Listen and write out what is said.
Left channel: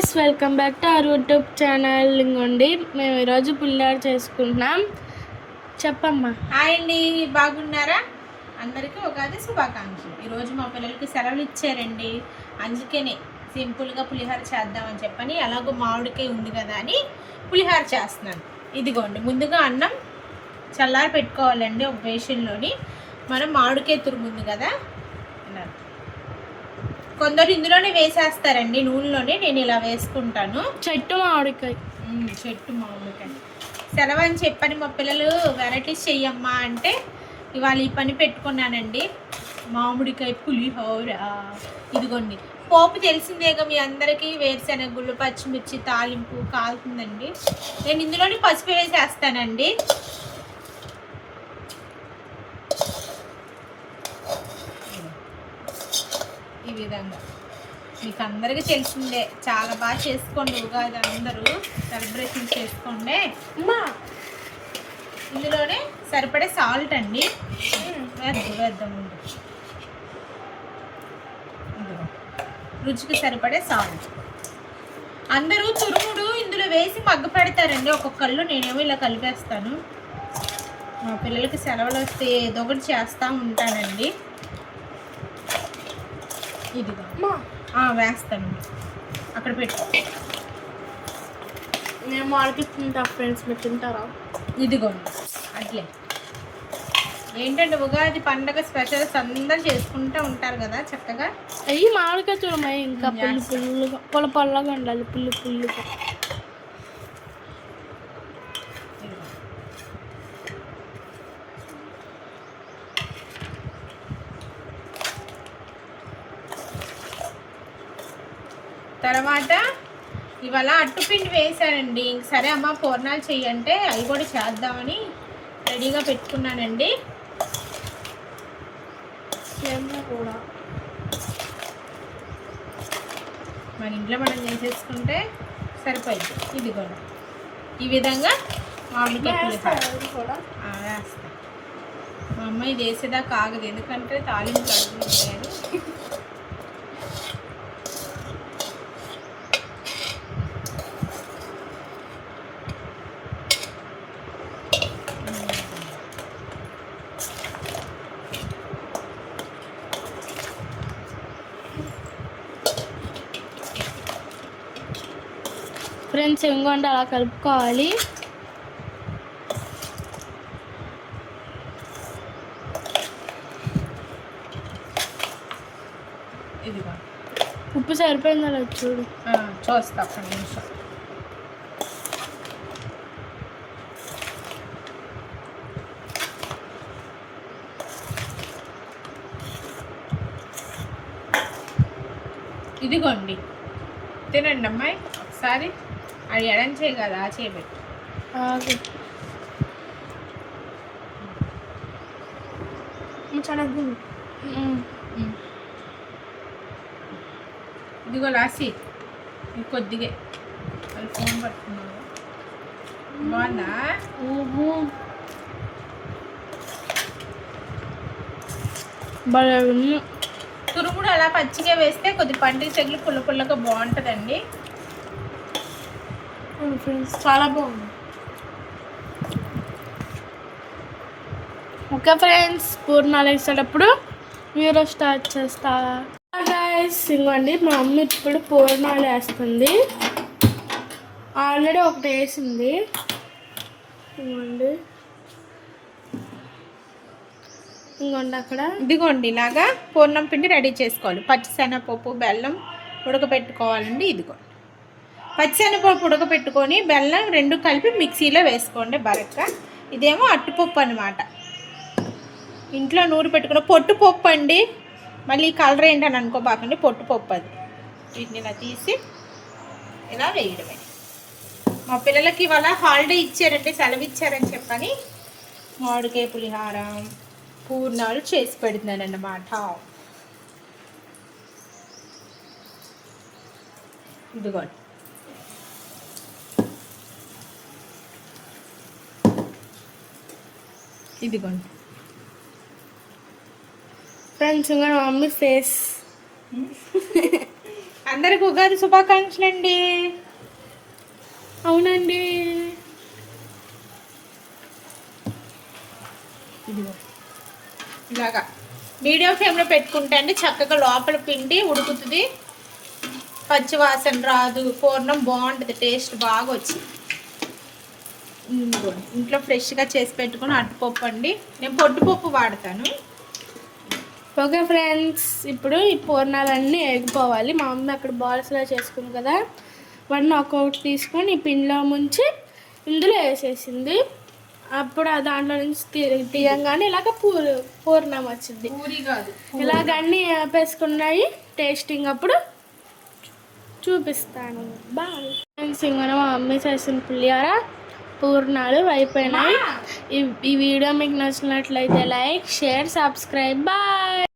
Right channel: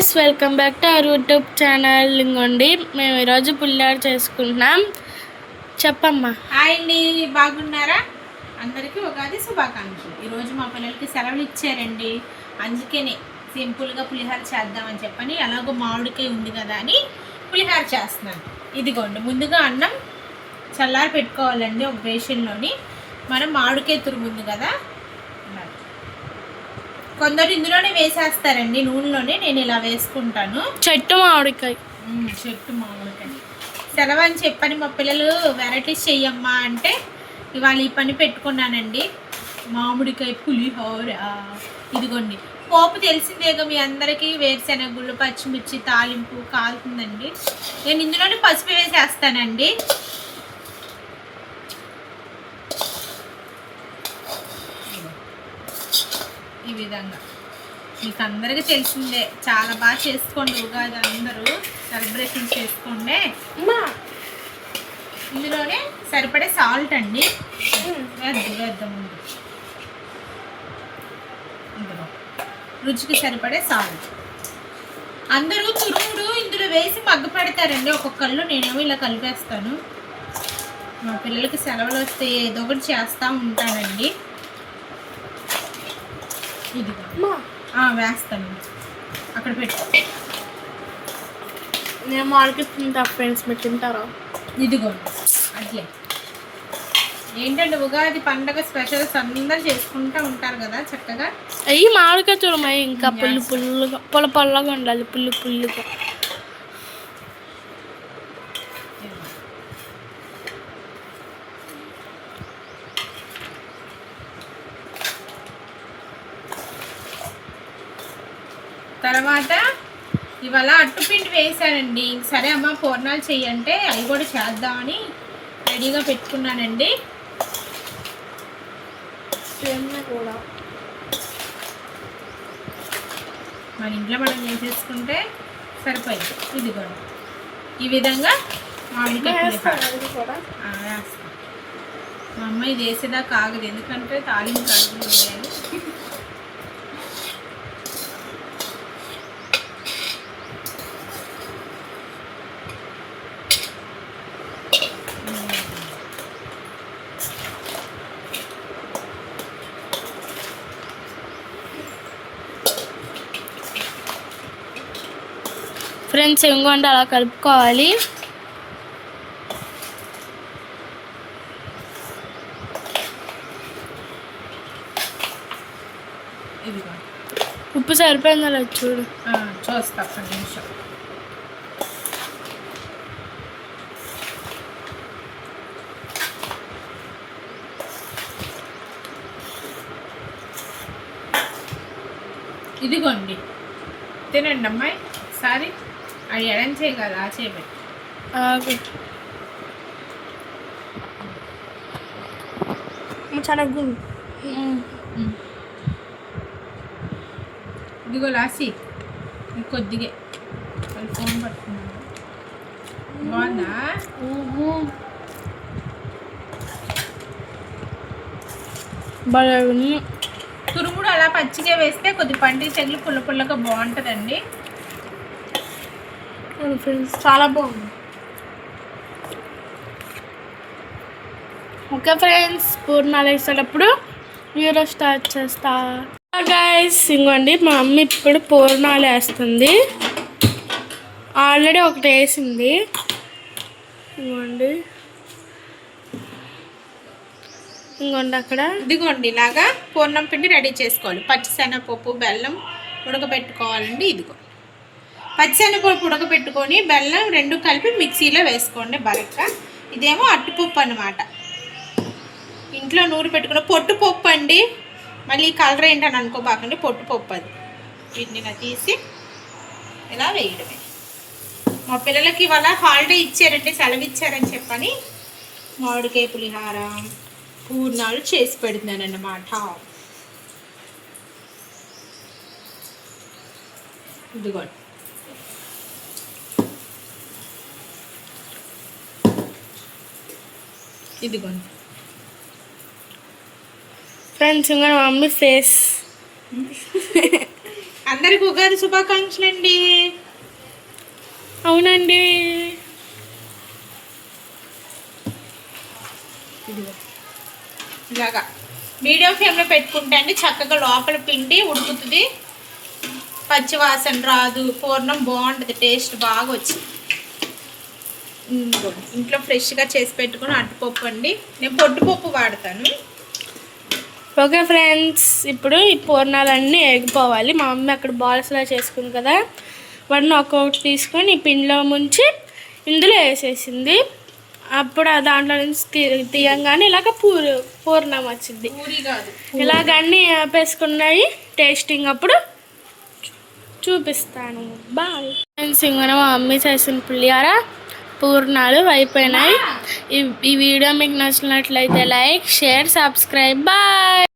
Guys, welcome back to our YouTube channel. ఇంకోండి మేము ఈరోజు పులిహోర చేసుకుంటున్నాం. చెప్పమ్మా. హాయ్ అండి, బాగున్నారా? అందరికీ ఉగాది శుభాకాంక్షలు. ఈరోజు మా పిల్లలకి సెలవులు ఇచ్చారండి, అందుకనే సింపుల్గా పులిహోర చేద్దామని చెప్పని, అలాగో మామిడికాయ ఉంది కదా అని పులిహోర చేస్తున్నాను. ఇదిగోండి, ముందుగా అన్నం చల్లారి పెట్టుకోవాలండి. ఒక బేషన్లోని మనం మామిడికాయ తురుముంది కదా, కొందరు ఇందులోనే వేసేస్తారండి నూనెలోనే, నేను ఇలా వేసుకుంటాను. చెట్టు మామిడికాయ సెలవు అని చెప్పని మా పిల్లలు వెరైటీస్ చెయ్యమ్మా అంటే ఇవాళ ఈ పని పెట్టుకున్నానండి. మామిడికాయ పులిహోర. ఇదిగోండి, పోపు తెలిసిందేగా మీ అందరికీ. వేరుశెనగుళ్ళు, పచ్చిమిర్చి తాలింపు కాలుతుందండి. నేను ఇందులోనే పసుపు వేసేస్తానండి. ఈ విధంగా మీకు అందరికీ తెలిసిందే, చాలా బాగా చేసుకోండి ఉగాది, అందరూ సెలబ్రేషన్ చేసుకోండి. ఇందులోనే సరిపడే సాల్ట్ అండి వేద్దాం ముందు. రుచికి సరిపడే సాల్ట్. అందరూ తురుముడు ఇందులో వేసి మగ్గు పెడతారండి ఒక్కొక్కళ్ళు, నేనేమో ఇలా కలిపేస్తాను. మా పిల్లలకి సెలవులు వస్తే ఏదో ఒకటి చేస్తూ ఉంటానండి. ఇదిగో వేస్తాను, అక్కడ పెట్టు. నేను మామిడికాయ తింటా ఫ్రెండ్స్, మీరు తింటారా? ఇదిగోండి అట్లే. ఏంటంటే ఉగాది పండగ స్పెషల్స్ అందరు చేసుకుంటూ ఉంటారు కదా చక్కగా. అయ్యి మామిడికాయ తురుమాయి ఇంకా పుల్లుగా పొల్లగా ఉండాలి, పుల్లుగా. తర్వాత ఇవాళ అట్టుపిండి వేసానండి. సరే అమ్మ పూర్ణాలు చెయ్యంటే అవి కూడా చేద్దామని రెడీగా పెట్టుకున్నానండి. మన ఇంట్లో మనం చేసేసుకుంటే సరిపోయింది. ఇదిగోండి, ఈ విధంగా మామిడికాయ వేస్తాం. మా అమ్మ ఇది వేసేదాకా ఆగదు, ఎందుకంటే తాలింపు అడుగులు ఉన్నాయని. ఫ్రెండ్స్ ఇంకోండి అలా కలుపుకోవాలి. ఉప్పు సరిపోయిందా లేదు చూడు. చూస్తా ఒక్క నిమిషం. ఇదిగోండి, తినండి అమ్మాయి ఒకసారి. అది ఎడం చేయి కదా, ఆ చేయబెట్టి. ఇదిగో లాసి కొద్దిగా వాళ్ళు ఫోన్ పట్టుకున్నారు. బాగుందా? తురుముడు అలా పచ్చిగా వేస్తే కొద్ది పండుగ చెగులు పుల్లగా బాగుంటుందండి. ఫ్రెండ్స్ చాలా బాగుంది. ఓకే ఫ్రెండ్స్, పూర్ణాలు వేసేటప్పుడు మీరు స్టార్ట్ చేస్తా. గైస్ ఇంకోండి, మా అమ్మ ఇప్పుడు పూర్ణాలు వేస్తుంది. ఆల్రెడీ ఒకటి వేసింది. ఇంకోండి అక్కడ. ఇదిగోండి, ఇలాగా పూర్ణం పిండి రెడీ చేసుకోవాలి. పచ్చిశనగపప్పు, బెల్లం ఉడకబెట్టుకోవాలండి. ఇదిగో పచ్చిశనగపప్పు ఉడకబెట్టుకొని బెల్లం రెండు కలిపి మిక్సీలో వేసుకోండి బరక్క. ఇదేమో అట్టుపప్పు అన్నమాట, ఇంట్లో నూరు పెట్టుకున్న పొట్టుపప్పు అండి. మళ్ళీ కలర్ ఏంటని అనుకోబాకండి, పొట్టుపప్పు అది. వీటిని ఇలా తీసి ఇలా వేయడమే. మా పిల్లలకి ఇవాళ హాలిడే ఇచ్చారంటే, సెలవు ఇచ్చారని చెప్పని మామిడికాయ పులిహార పూర్ణాలు చేసి పెడుతున్నాను అన్నమాట. ఇదిగోండి, ఇదిగోండి ఫ్రెండ్స్ ఇంకా మమ్మీ ఫేస్ అందరికి ఉగాది శుభాకాంక్షలు అండి. అవునండి. ఇలాగా మీడియం ఫ్లేమ్లో పెట్టుకుంటే అండి చక్కగా లోపల పిండి ఉడుకుతుంది, పచ్చి వాసన రాదు, పూర్ణం బాగుంటుంది, టేస్ట్ బాగా వచ్చింది. ఇంట్లో ఫ్రెష్గా చేసి పెట్టుకుని అట్టుపప్పు అండి, నేను పొట్టుపప్పు వాడతాను. ఓకే ఫ్రెండ్స్, ఇప్పుడు ఈ పూర్ణాలన్నీ ఎగిపోవాలి. మా మమ్మీ అక్కడ బాల్స్లా చేసుకుంది కదా, వాటిని ఒక్కొక్కటి తీసుకొని ఈ పిండిలో ముంచి ఇందులో వేసేసింది. అప్పుడు దాంట్లో నుంచి తీయంగానే ఇలాగ పూర్ణం వచ్చింది. ఇలాగ అన్నీ వేపేసుకున్నాయి. టేస్టింగ్ అప్పుడు చూపిస్తాను. Bye friends. ఇంకా మా మమ్మీ చేసిన పులిహోర పూర్ణాలు అయిపోయినాయి. ఈ వీడియో మీకు నచ్చినట్లయితే లైక్, షేర్, సబ్స్క్రైబ్. బాయ్.